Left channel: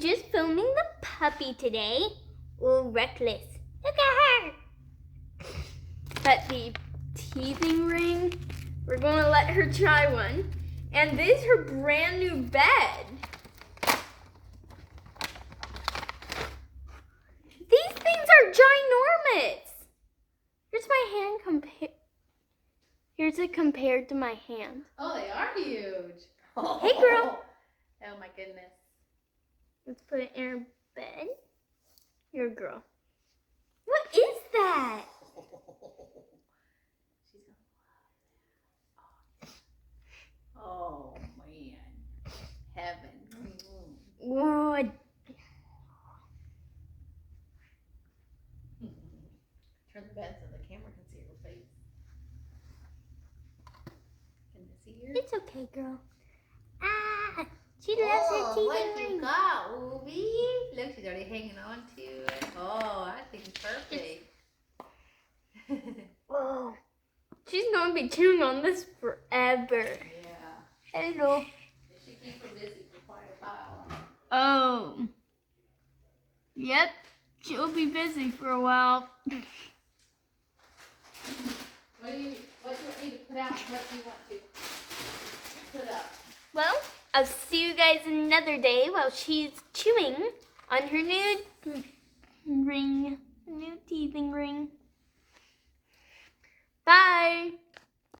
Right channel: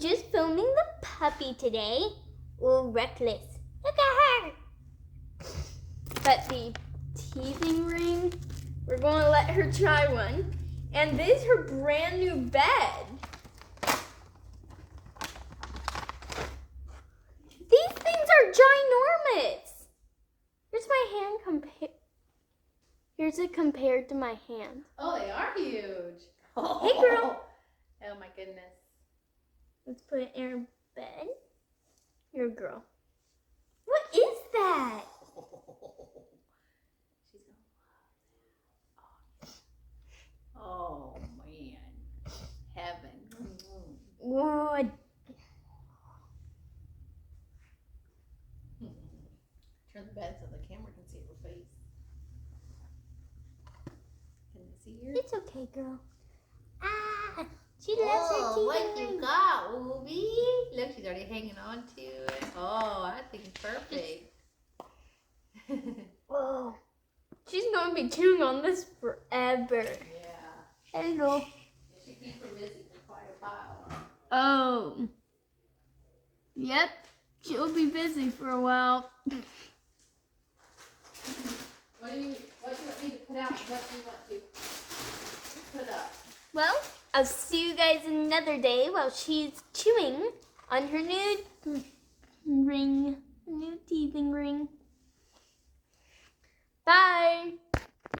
just filming the puppy today. Oh, reckless. Look at her. But the teething ring, we're going to let her try one. And this is her brand new bed. These things are ginormous. Here's my hand Here's it compared to my hand. Oh, they are huge. Hey, girl. Oh my goodness. Let's put it in her bed. You're a girl. What is that? She's gonna oh man. Heaven. What? Turn the bed so the camera can see her face. Can you see her? It's okay, girl. Ah, she loves her teeth. What you got, Ruby? Look, she's already hanging on to it. Oh, I think it's perfect. Oh, she's gonna be chewing on this forever. Yeah. Hello. It should keep her busy for quite a while. Oh. Yep, she'll be busy for a while. What do you want me to put out? What do you want to put up? Well, I'll see you guys another day while she's chewing on her new ring, new teething ring. Bye.